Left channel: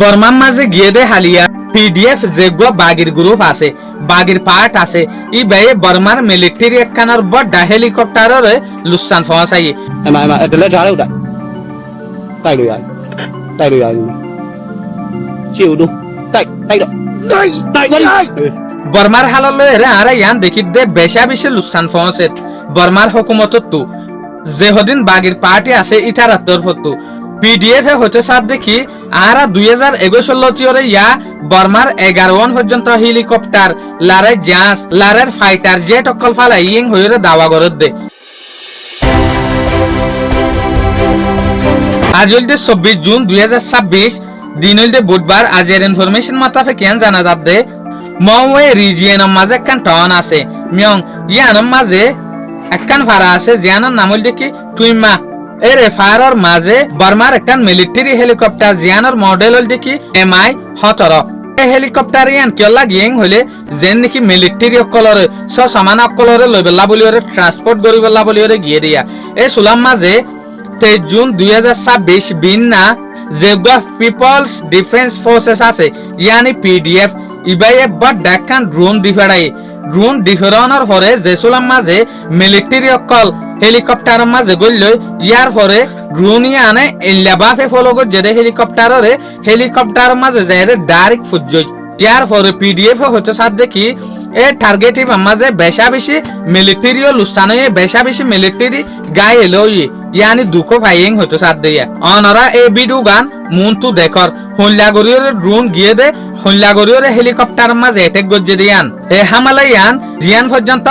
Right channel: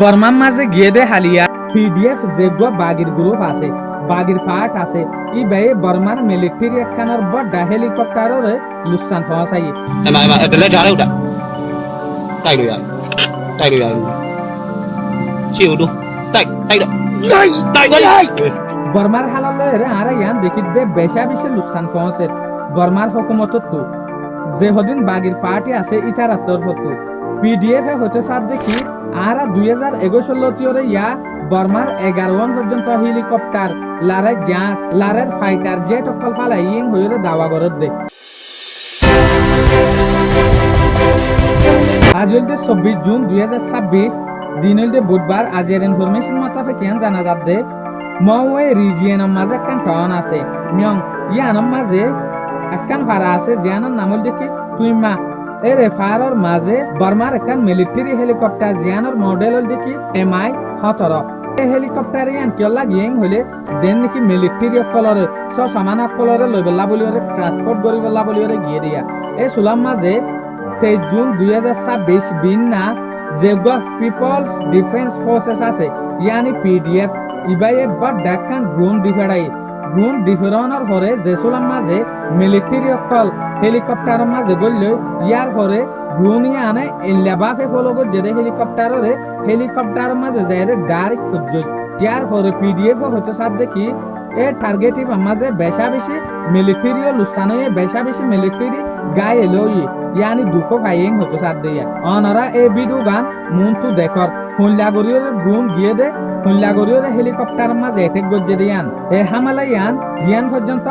বর্মার মাঝে গিয়ে দে হালিয়া পিডিএফ যেগুলো বাগির গ্রুপ আছে বাগির পার্ট আছে ই বেয়ে বর্মার মিলিটারি একখানার বড় হেলিকপ্টারের লুসান পৌঁছাই একলে ঝাড়ে উঠা তাই লই আই তাই লই আই চিউ দু তাই তাই তাই বর্মার হালাল রে আরে ইয়ান দেখি দে বেশা বেশি লুসান পৌঁছে বর্মার হুকুমত তু যে হদিন বাগির পার্টি আছে ইটার তরফতু পিডিএফ এ হতে সাথ দেখি আরা 2021 ইয়া বর্মার 11 পর্যন্ত হেলিকপ্টার লারে জাস লারের ফাইটার জেট অকল ফালা ইং হইরে দাওয়া গরদ দে আজ হইতে 24 জুন 2026 দিন হইতে বুধবার আজের ইনফরমেশন মাতাফে কেন জানা যাবে মওয়ে রিজিয়ন মাঝে কান টাউন আছে মিয়ং ইয়ান মাঝে একখান ফারা আছে জিয়ানের নাম হইল দেখি টুইমা এর ফারার মাঝে বর্মার একখান মিলিটারি হেলিকপ্টার জিয়ানের মডেল হইল দেখি MI 17 হেলিকপ্টার ইয়ান কেলা গিয়েং হইলে যেন নাকি মিলিটারি অকলরে সমান অকলরে লই বেলা বলি ওরে ট্রান্সপোর্ট করি বেলা বলি ওরে গিয়ে দিয়া এই সুলাম মাঝে 23 জুন 2026 বিন্না যেগুলো পিপলস ডিফেন্স ফোর্সেস আছে ইয়ানি পিডিএফ ইবাইয়ে বড় ডাকান ড্রোন দিফাড়াই ড্রোন ডিফারানোর পরে জেসুলাম মাঝে মিলিটারি অকল হেলিকপ্টার মাঝে গইল ইয়ার পরে ড্রোন ইয়ানে ইল্লাবাফে ফলো করে যে হেলিকপ্টার মাঝে যায় ডাইরেক্ট ফুজই ইয়ার পরে পিডিএফ হতে সাথ দেখি এ টার্গেট মাঝে বেশা বেশি মিলিটারি ও লুসানো বেশা বেশি মিলিটারি গায়ে লই ইয়ানি দুঃখ ভাইং হতে সাথ দিয়া অনরা এই ভিডিও গান মুনতু দেখর হল্লাগরিয়র ড্রোন গিয়ে দে হল্লাগরিয়র হেলিকপ্টার মাঝে এটেক গজ্জে দিয়ান এ হামালায়ান জিয়ান পর্যন্ত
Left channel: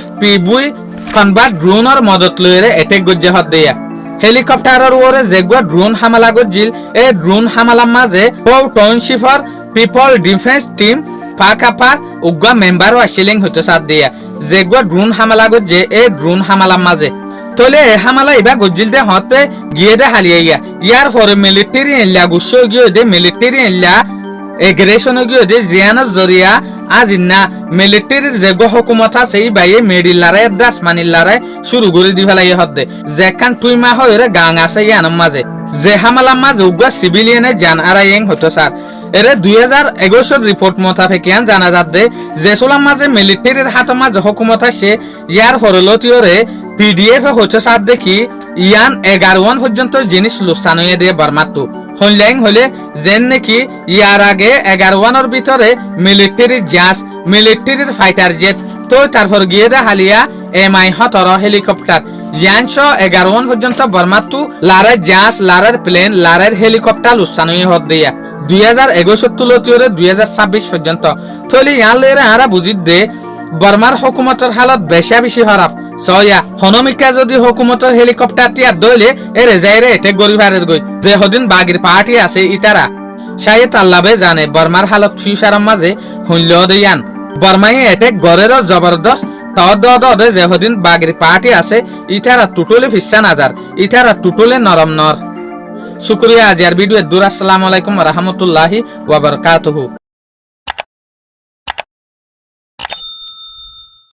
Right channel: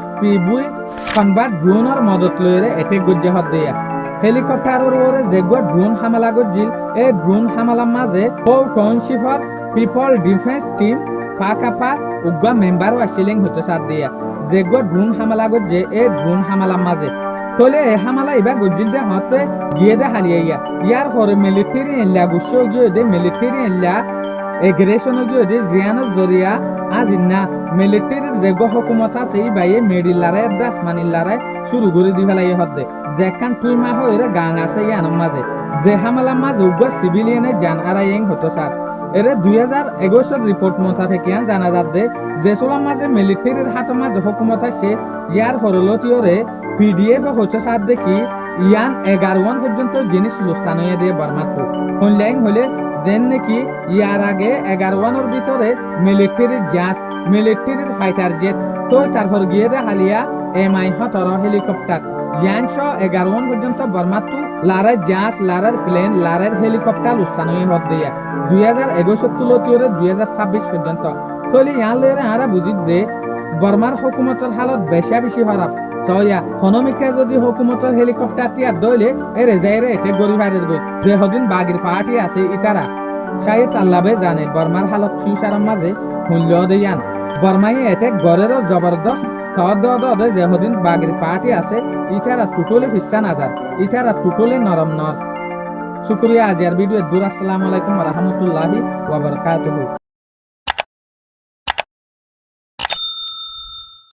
FPV কনভার্ট ড্রোনের মদত লইরে এটেক গজ্জে হদ দিয়া হেলিকপ্টারের ওরে যেগুলো ড্রোন হামলা গজ্জিল এই ড্রোন হামলার মাঝে টাউনশিপর পিপল ডিফেন্স টিম পাকাপার উগ্র মেম্বারও আসিলেন হতে সাথ দিয়া যেগুলো ড্রোন হামলা গজ্জে এই ড্রোন হামলার মাঝে তলে হামলা ইবা গজ্জিল দে হতে গিয়ে দে হালিয়া ইয়ার পরে মিলিটারি এল্লা গুছো গিয়ে দে মিলিটারি এল্লা এগ্রেশন গিয়ে দে জিয়ানের জরিয়া আজ না মিলিটারির যে হুকুমত আছে এই বাইয়ে মেডিলারে দাস মানিলারে শুরু করে দি ফেলাই হতে যেখান তুই মা হইরে গাং আছে ইয়ানের মাঝে যে হামলার মাঝে উগ্র সিভিলিয়ানে জান আরাইং হতো স্যার এরে 2021 রিপোর্ট মোতাবেকিয়ান জানা যাচ্ছে যে সোলার মাঝে মিলিটারির হাত মাঝে হুকুমত আছে ইয়ার হরলতিওরে পিডিএফ হচ্ছে সাথ দেখি ইয়ান 11 পর্যন্ত জিনিস লুসান হয়ে দিয়ে বর্মাতো হনলাইং হলে যেন নাকি ইয়ার আগে 11 ভিতরে মিলিটারির জাস মিলিটারির ফাইটার জেট তো তারপর গিয়ে দে হালিয়া MI 17 হেলিকপ্টার ইয়ানশো 11 পর্যন্ত বর্মাতো লারের জাস লারের প্লেন লারের হেলিকপ্টার লুসান হয়ে হদ দিয়া 2061 তুলতিওরে 2026 পর্যন্ত থলি ইয়ান লেরে আরা বুঝিত দে বর্মার হুকুমতের হালত বেশা বেশি খারাপ সয়া হনমিকা যদি হুকুমতের হেলিকপ্টার টিয়া দইলে এরে যাইরে এটে গরিবারের গই যে হদিন বাগির পার্টি আছে ইতারা শায়দ আল্লাহে জানে বর্মার হালত ফিউচারের মাঝে হইল দেয়ান বর্মায়ে এটে গরেরও জবরদস্ত তদ যে হদিন বাগির পার্টি আছে ইতারা টুটলে ফিসা নাজার ইতারা টুটলে নরম নর শুকরিয়া আজিয়ার ভিডিও দূর আসসালামু আলাইকুম ওয়া রাহমাতুল্লাহি ওয়া বারাকাতুহু।